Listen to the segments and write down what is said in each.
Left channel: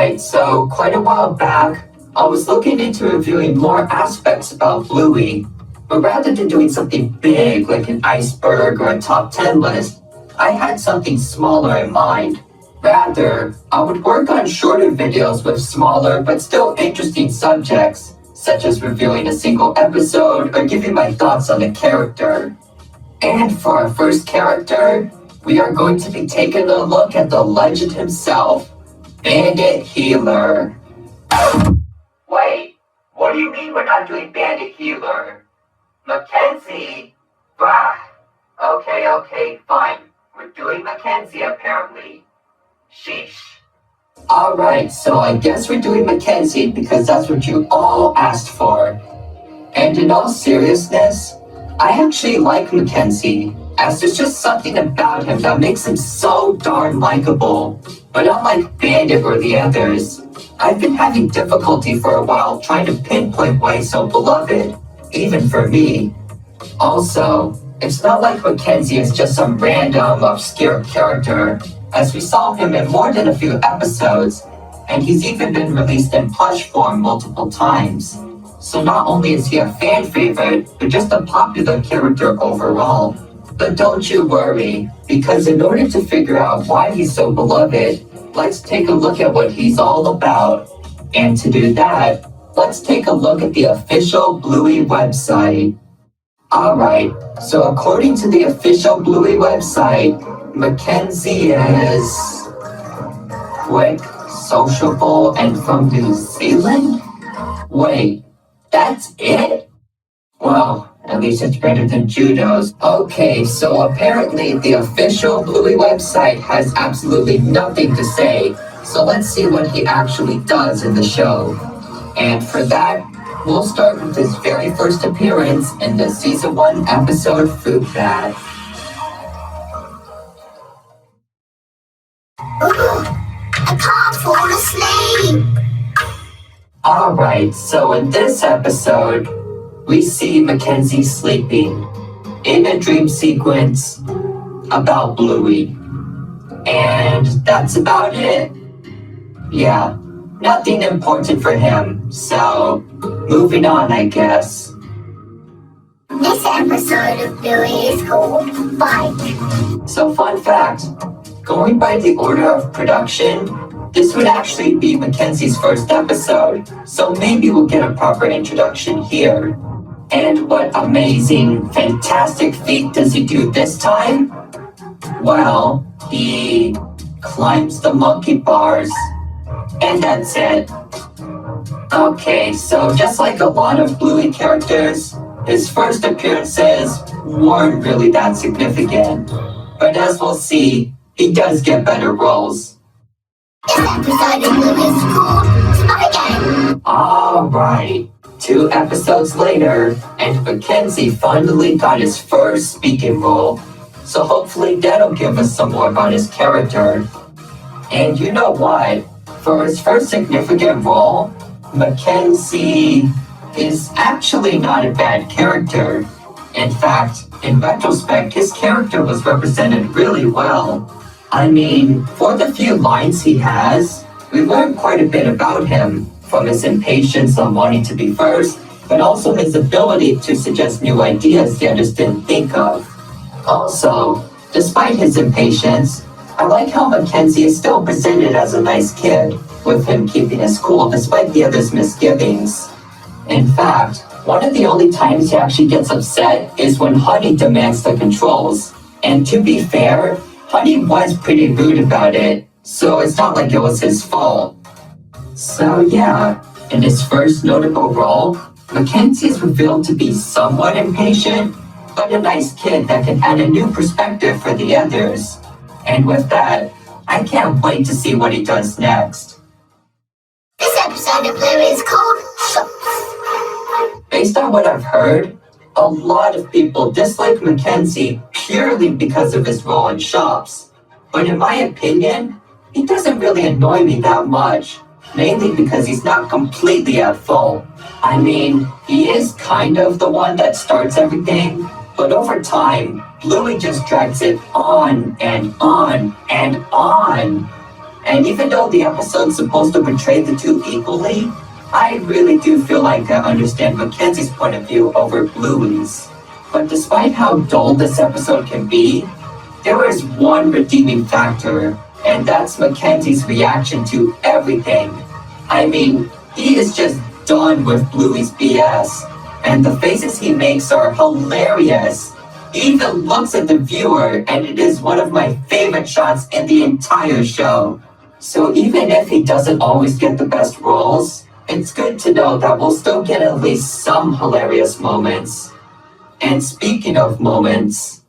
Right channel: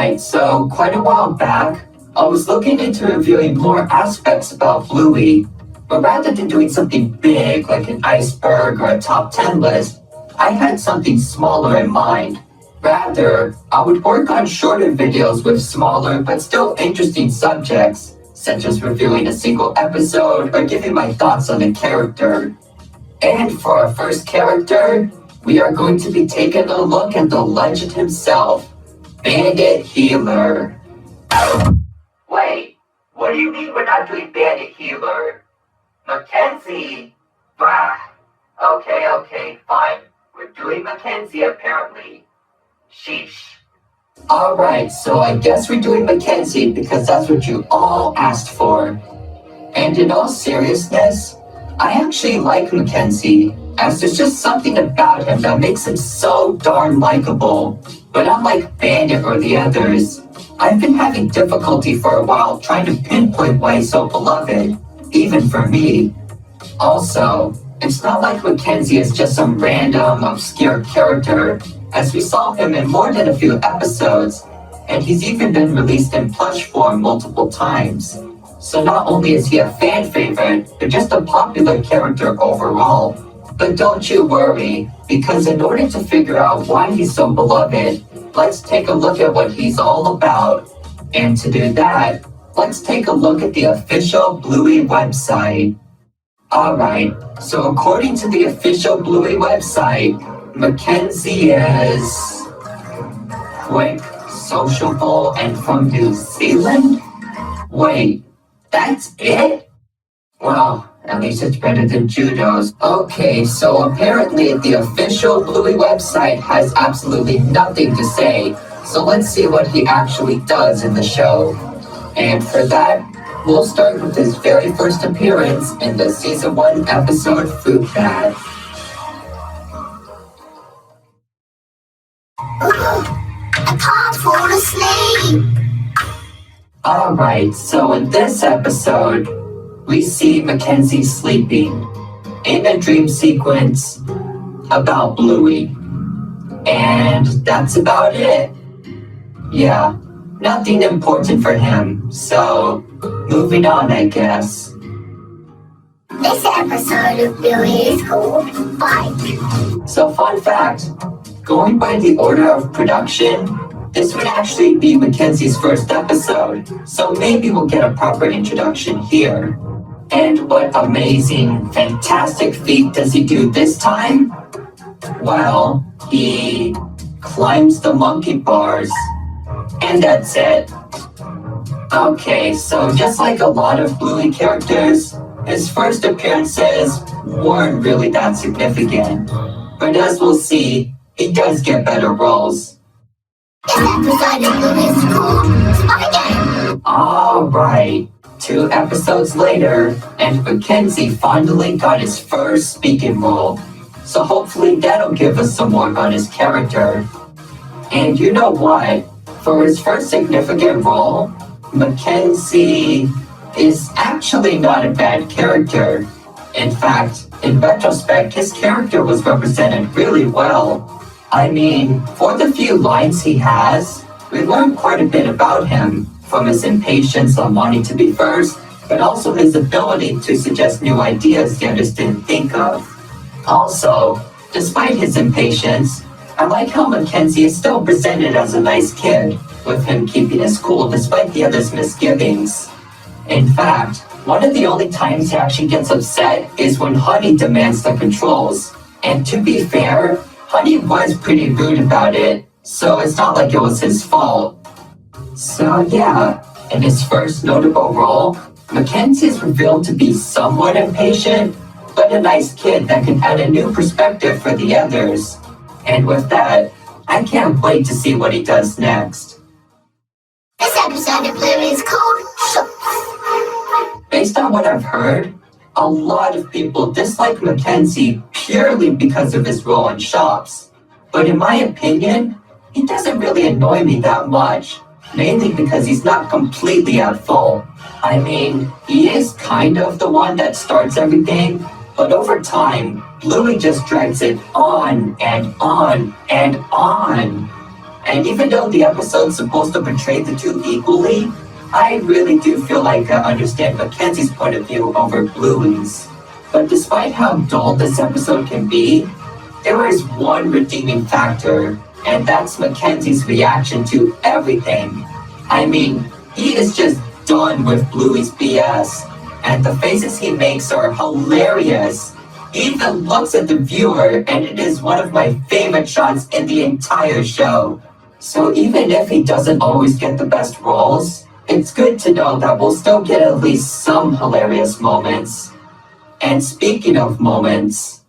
Alright, so quite a while back, I was looking into reviewing more aspects about Bluey, but rather than doing something big like an iceberg or a top 10 list, I had something smaller in mind. Rather, I would work on shorter videos with smaller but still interesting subjects, such as reviewing a single episode or giving my thoughts on a character. And for our first character, we are going to be taking a look at the legend himself, Bandit Healer. Wait, what do you mean we're not doing Bandit Healer? Mackenzie? Bah. Okay, fine. We're doing Mackenzie apparently. Sheesh. Alright, so I guess we're doing Mackenzie because that's what you all asked for. And in all seriousness, I actually like Mackenzie, as there's just something about him that makes him so darn likable. But unlike Bandit or the others, I've been having difficulty for a while trying to pinpoint why he's so beloved, even for me. Also, it's not like Mackenzie is just some random, obscure character, as we saw him in more than a few episodes, and he's even been released in plush form multiple times. So not only is he a fan favorite, but just a popular character overall. But don't you worry, because in order to figure out why he's so beloved, let's take a look at what he's all about. And to do that, let's take a look at the official Bluey website. Alright, so according to the official Bluey website, Mackenzie is quick, sociable, and from New Zealand? Wait, that's it? Well, at least it's better than Judo's. Okay, so apparently the official Bluey website has absolutely nothing to say. So let's see what he actually does in the show. And for that, we'll start with his very first appearance in the Season 1 episode Fruit Bat. I can't fall asleep. Alright, so in this episode, we see Mackenzie sleeping in a dream sequence about Bluey. And that's about it. Yeah, nothing important for him, so moving on, I guess. This episode of Bluey is called Fight. So fun fact, going by the order of production, this would actually be Mackenzie's first episode, so maybe we'll get a proper introduction here. And what amazing, fantastic feat does he do this time? Well, he climbs the monkey bars, and that's it. Okay, so just like a lot of Bluey characters, his first appearances weren't really that significant. But as we'll see, he does get better roles. This episode of Bluey is called Spy Game. Alright, 2 episodes later, and Mackenzie finally got his first speaking role. So hopefully that'll give us some more about his character. And you know what? For his first significant role, Mackenzie is actually not a bad character. In fact, in retrospect, his character was represented really well. I mean, for the few lines he has, we learn quite a bit about him, from his impatience on wanting to be first, but also his ability to suggest new ideas the others didn't think of. Also, despite his impatience, I like how Mackenzie is still presented as a nice kid, with him keeping his cool despite the others' misgivings. In fact, one of the only times he actually gets upset is when Honey demands the controls. And to be fair, Honey was pretty rude about it, so it's not like it was his fault. So yeah, in his first notable role, Mackenzie is revealed to be somewhat impatient, but a nice kid that can add a new perspective for the others. And with that, I can't wait to see what he does next. This episode of Bluey is called Shops. Based on what I've heard, a lot of people dislike Mackenzie purely because of his role in Shops. But in my opinion, he doesn't really annoy me that much, mainly because he's not completely at fault. I mean, he is kind of the one that starts everything, but over time, Bluey just drags it on and on and on. And even though the episode's supposed to portray the two equally, I really do feel like I understand Mackenzie's point of view over Bluey's. But despite how dull this episode can be, there is one redeeming factor, and that's Mackenzie's reaction to everything. I mean, he is just done with Bluey's BS, and the faces he makes are hilarious. He even looks at the viewer, and it is one of my favorite shots in the entire show. So even if he doesn't always get the best roles, it's good to know that we'll still get at least some hilarious moments. And speaking of moments,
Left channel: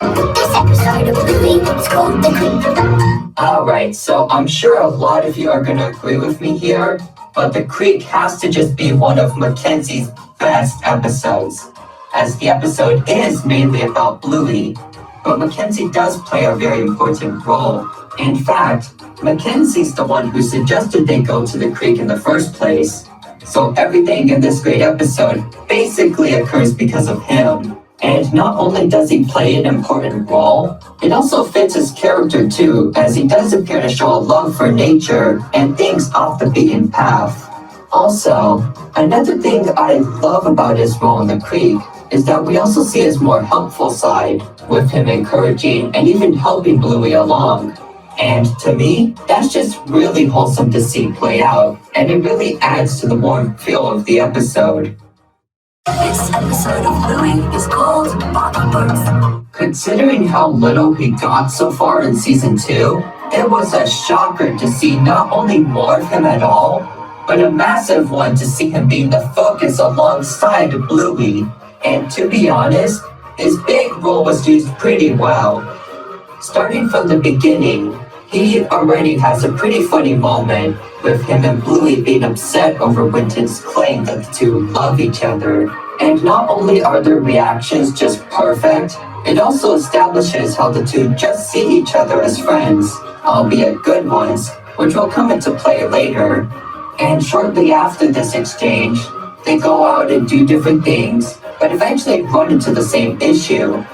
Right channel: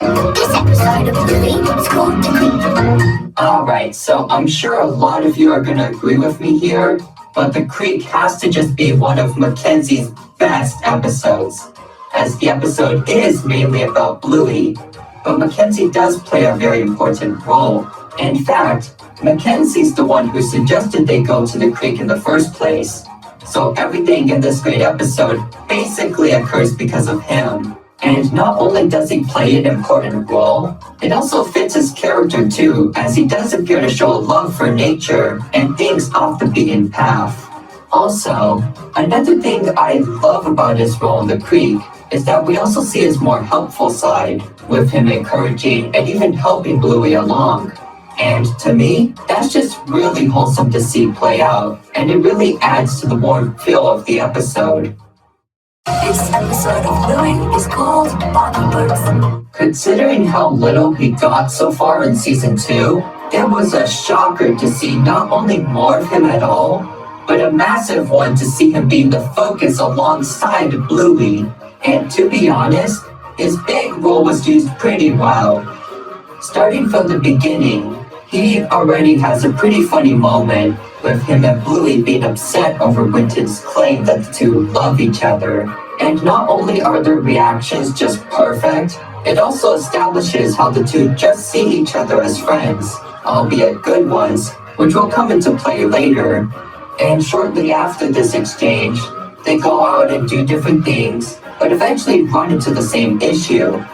This episode of Bluey is called The Creek. alright, so I'm sure a lot of you are gonna agree with me here, but The Creek has to just be one of Mackenzie's best episodes, as the episode is mainly about Bluey, but Mackenzie does play a very important role. In fact, Mackenzie's the one who suggested they go to the creek in the first place, so everything in this great episode basically occurs because of him. And not only does he play an important role, it also fits his character too, as he does appear to show a love for nature and things off the beaten path. Also, another thing I love about his role in the creek is that we also see his more helpful side, with him encouraging and even helping Bluey along. And to me, that's just really wholesome to see play out, and it really adds to the warm feel of the episode. This episode of Bluey is called Bobby Bugs. Considering how little we got so far in season 2, it was a shocker to see not only more of him at all, but a massive one to see him being the focus alongside Bluey. And to be honest, his big role was used pretty well. Starting from the beginning, he already has a pretty funny moment with him and Bluey being upset over Winton's claim that the two love each other. And not only are their reactions just perfect, it also establishes how the two just see each other as friends, albeit good ones, which will come into play later. And shortly after this exchange, they go out and do different things, but eventually run into the same issue.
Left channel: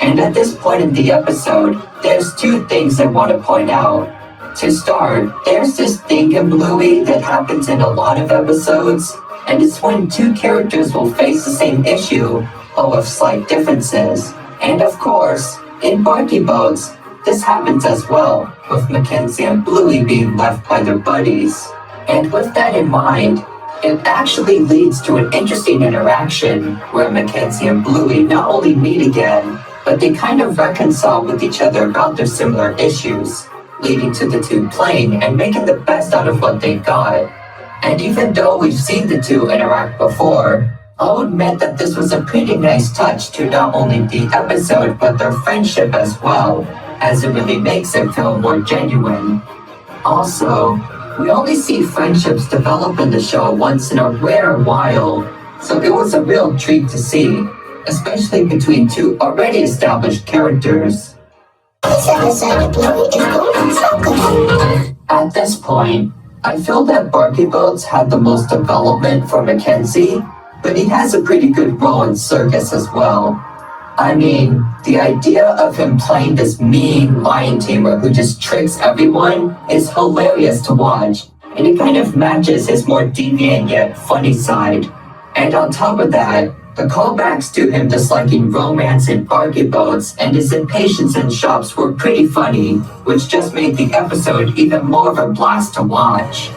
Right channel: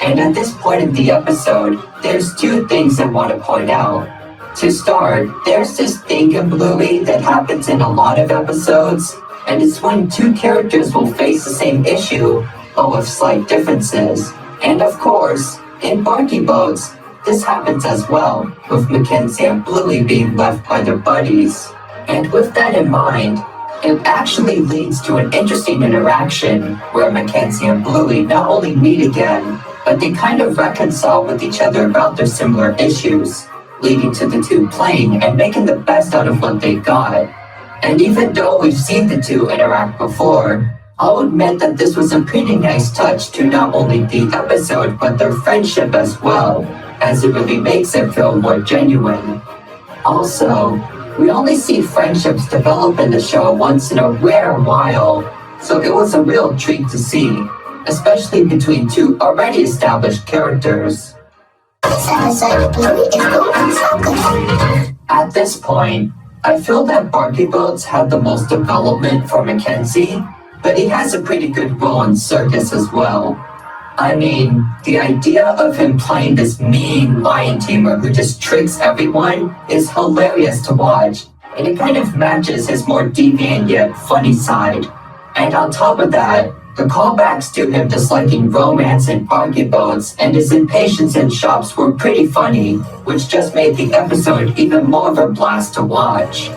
And at this point in the episode, there's two things I want to point out. To start, there's this thing in Bluey that happens in a lot of episodes, and it's when two characters will face the same issue, but with slight differences. And of course, in Barky Boats, this happens as well, with Mackenzie and Bluey being left by their buddies. And with that in mind, it actually leads to an interesting interaction where Mackenzie and Bluey not only meet again, but they kind of reconcile with each other about their similar issues, leading to the two playing and making the best out of what they got. And even though we've seen the two interact before, I'll admit that this was a pretty nice touch to not only the episode, but their friendship as well, as it really makes it feel more genuine. Also, we only see friendships develop in the show once in a rare while, so it was a real treat to see, especially between two already established characters. This episode of Bluey is called Circus. At this point, I feel that Barky Boats had the most development for Mackenzie, but he has a pretty good role in Circus as well. I mean, the idea of him playing this mean lion tamer who just tricks everyone is hilarious to watch, and it kind of matches his more deviant yet funny side. And on top of that, the callbacks to him disliking romance in Barky Boats and his impatience in shops were pretty funny, which just made the episode even more of a blast to watch.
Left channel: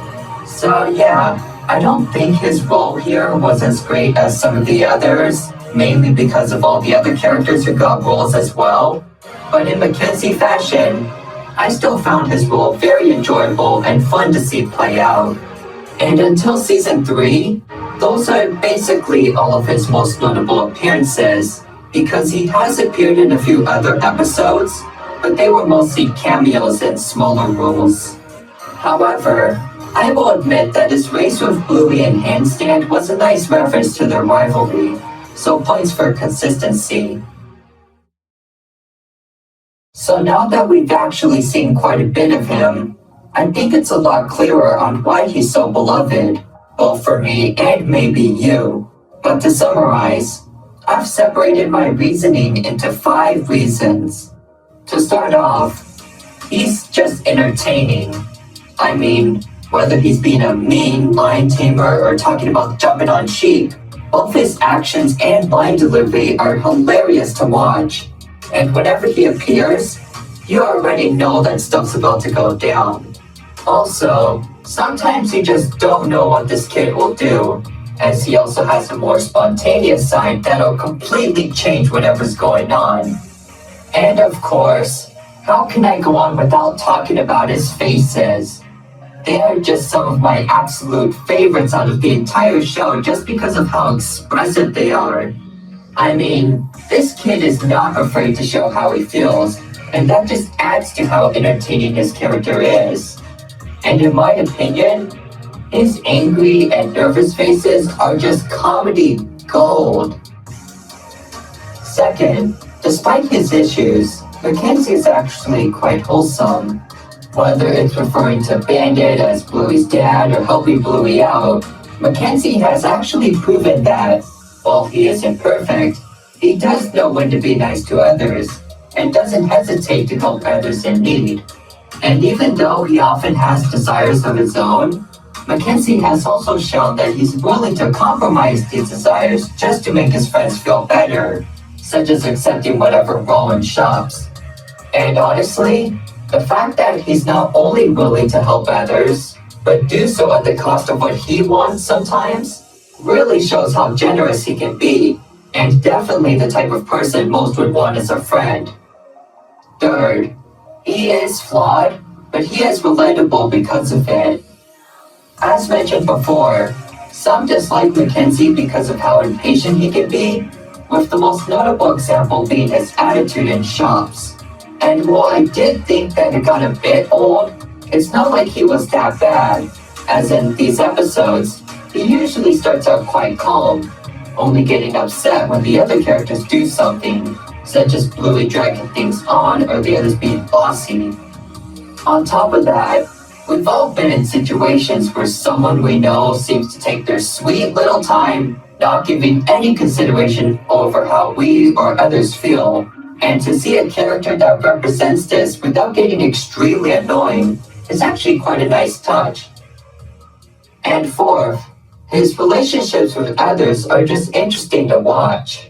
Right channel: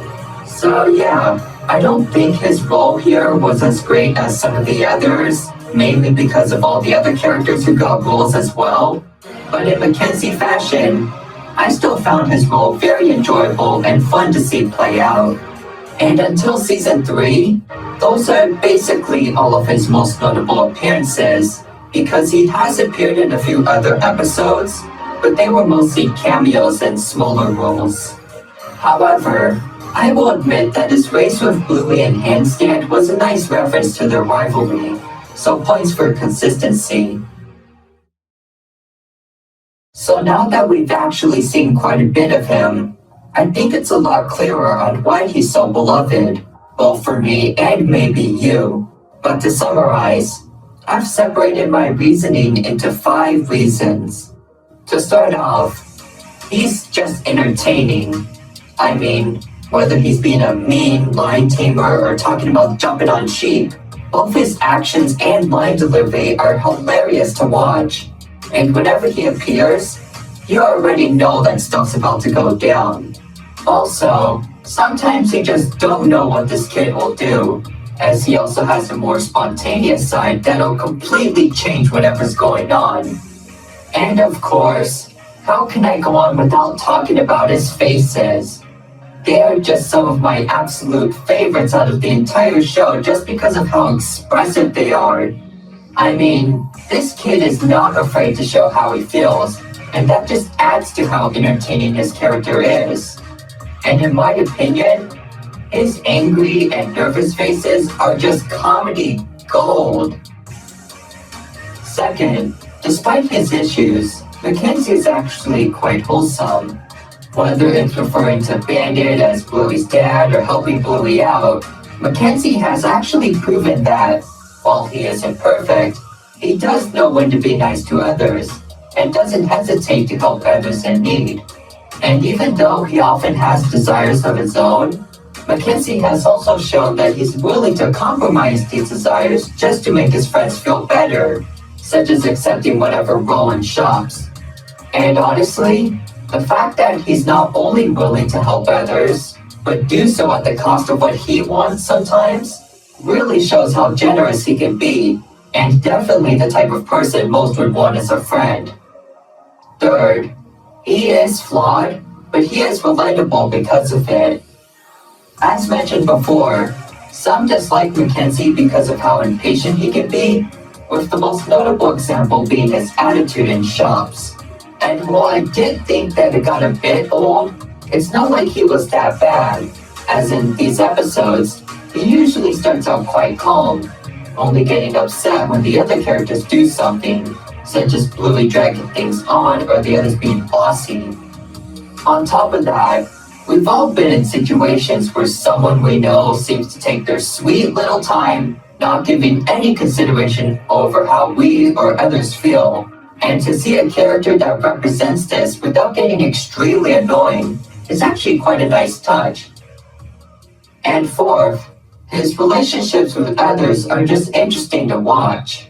So yeah, I don't think his role here was as great as some of the others, mainly because of all the other characters who got roles as well. But in Mackenzie fashion, I still found his role very enjoyable and fun to see play out. And until season 3, those are basically all of his most notable appearances, because he has appeared in a few other episodes, but they were mostly cameos and smaller roles. However, I will admit that his race with Bluey and Handstand was a nice reference to their rivalry, so points for consistency. So now that we've actually seen quite a bit of him, I think it's a lot clearer on why he's so beloved, both for me and maybe you. But to summarize, I've separated my reasoning into 5 reasons. To start off, he's just entertaining. I mean, whether he's being a mean lion tamer or talking about jumping on sheep, both his actions and line delivery are hilarious to watch. And whenever he appears, you already know that stuff's about to go down. Also, sometimes you just don't know what this kid will do, as he also has a more spontaneous side that'll completely change whatever's going on. And of course, how can I go on without talking about his faces? They are just some of my absolute favorites out of the entire show just because of how expressive they are. I mean, this kid is not afraid to show how he feels, and that just adds to how entertaining his character is. And in my opinion, his angry and nervous faces are just comedy gold. Second, despite his issues, Mackenzie is actually quite wholesome. Whether it's referring to Bandit as Bluey's dad or helping Bluey out, Mackenzie has actually proven that, while he isn't perfect, he does know when to be nice to others, and doesn't hesitate to help others in need. And even though he often has desires of his own, Mackenzie has also shown that he's willing to compromise these desires just to make his friends feel better, such as accepting whatever Roland shops. And honestly, the fact that he's not only willing to help others, but do so at the cost of what he wants sometimes, really shows how generous he can be, and definitely the type of person most would want as a friend. Third, he is flawed, but he is relatable because of it. As mentioned before, some dislike Mackenzie because of how impatient he can be, with the most notable example being his attitude in shops. And while I did think that it got a bit old, it's not like he was that bad, as in these episodes, he usually starts out quite calm, only getting upset when the other characters do something, such as Bluey dragging things on or the others being bossy. On top of that, we've all been in situations where someone we know seems to take their sweet little time, not giving any consideration over how we or others feel. And to see a character that represents this without getting extremely annoying is actually quite a nice touch. And fourth, his relationships with others are just interesting to watch.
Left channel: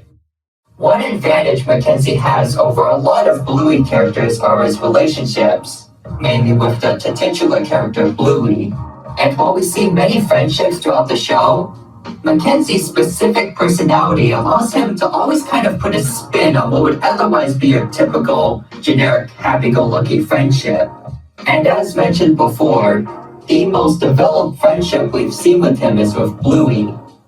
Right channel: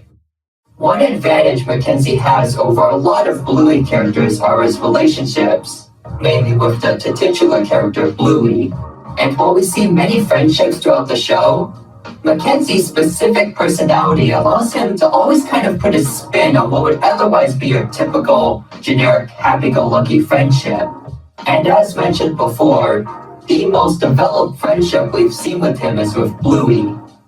One advantage Mackenzie has over a lot of Bluey characters are his relationships, mainly with the titular character Bluey. And while we see many friendships throughout the show, Mackenzie's specific personality allows him to always kind of put a spin on what would otherwise be a typical, generic, happy-go-lucky friendship. And as mentioned before, the most developed friendship we've seen with him is with Bluey,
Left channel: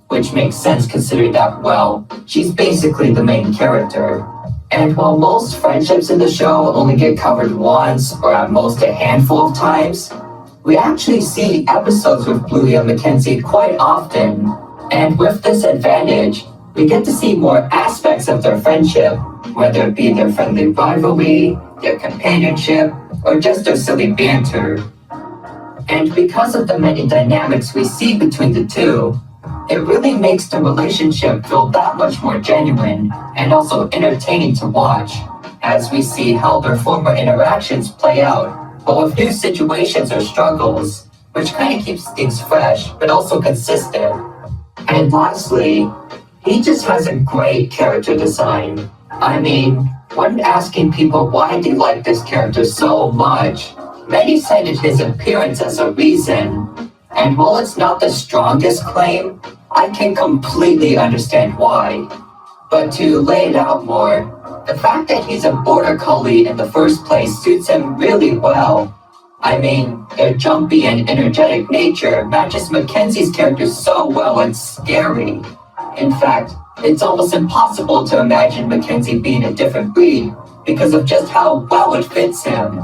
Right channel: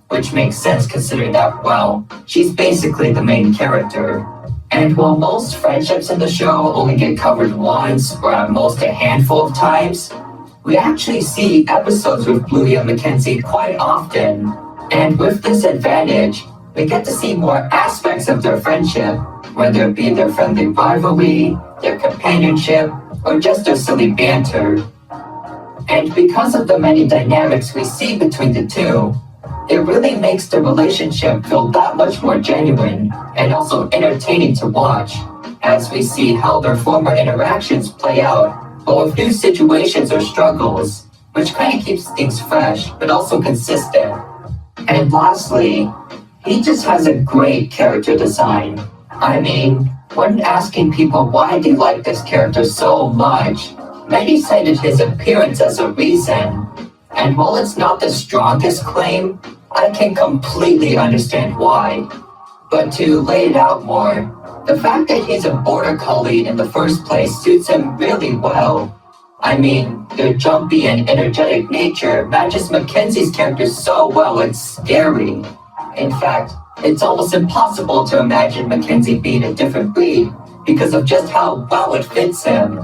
which makes sense considering that, well, she's basically the main character. And while most friendships in the show only get covered once or at most a handful of times, we actually see episodes with Bluey and Mackenzie quite often. And with this advantage, we get to see more aspects of their friendship, whether it be their friendly rivalry, their companionship, or just their silly banter. And because of the many dynamics we see between the two, it really makes the relationship feel that much more genuine and also entertaining to watch, as we see how their former interactions play out, but with new situations or struggles, which kind of keeps things fresh but also consistent. And lastly, he just has a great character design. I mean, when asking people why they like this character so much, many cited his appearance as a reason. And while it's not the strongest claim, I can completely understand why. But to lay it out more, the fact that he's a border collie in the first place suits him really well. I mean, their jumpy and energetic nature matches Mackenzie's character so well it's scary. In fact, it's almost impossible to imagine Mackenzie being a different breed because of just how well it fits him.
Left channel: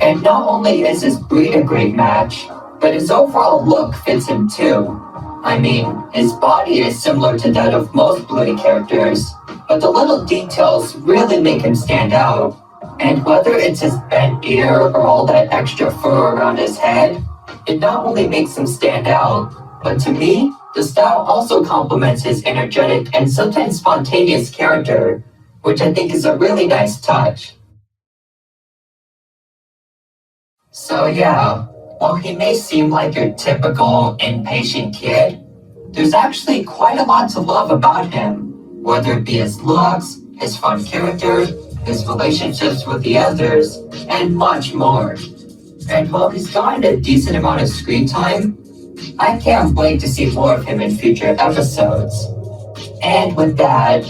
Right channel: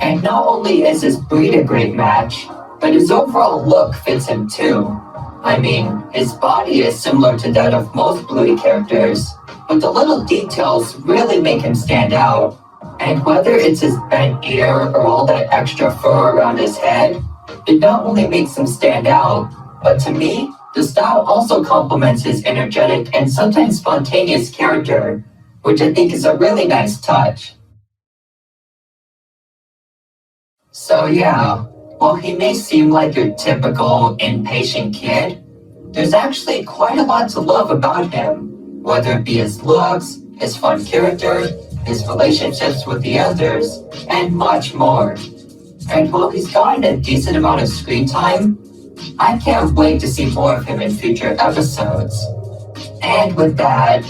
And not only is his breed a great match, but his overall look fits him too. I mean, his body is similar to that of most Bluey characters, but the little details really make him stand out. And whether it's his bent ear or all that extra fur around his head, it not only makes him stand out, but to me, the style also complements his energetic and sometimes spontaneous character, which I think is a really nice touch. So yeah, While he may seem like your typical impatient kid, there's actually quite a lot to love about him, whether it be his looks, his fun character, his relationships with the others, and much more. And while he's gotten a decent amount of screen time, I can't wait to see more of him in future episodes. And with that,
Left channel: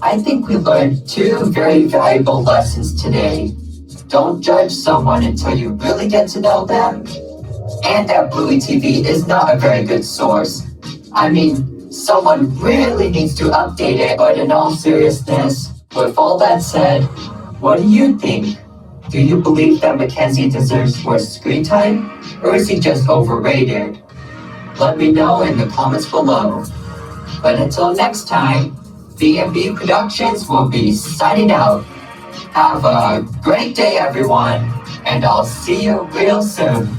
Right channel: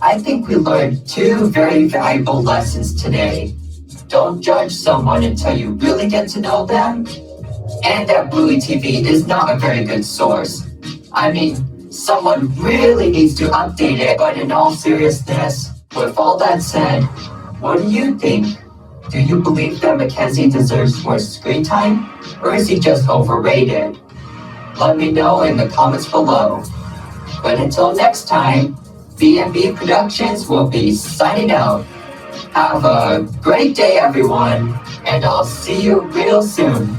I think we learned two very valuable lessons today. Don't judge someone until you really get to know them, and that Bluey TV is not a very good source. I mean, someone really needs to update it, but in all seriousness, with all that said, what do you think? Do you believe that Mackenzie deserves more screen time, or is he just overrated? Let me know in the comments below. But until next time, B&B Productions will be signing out. Have a great day, everyone, and I'll see you real soon.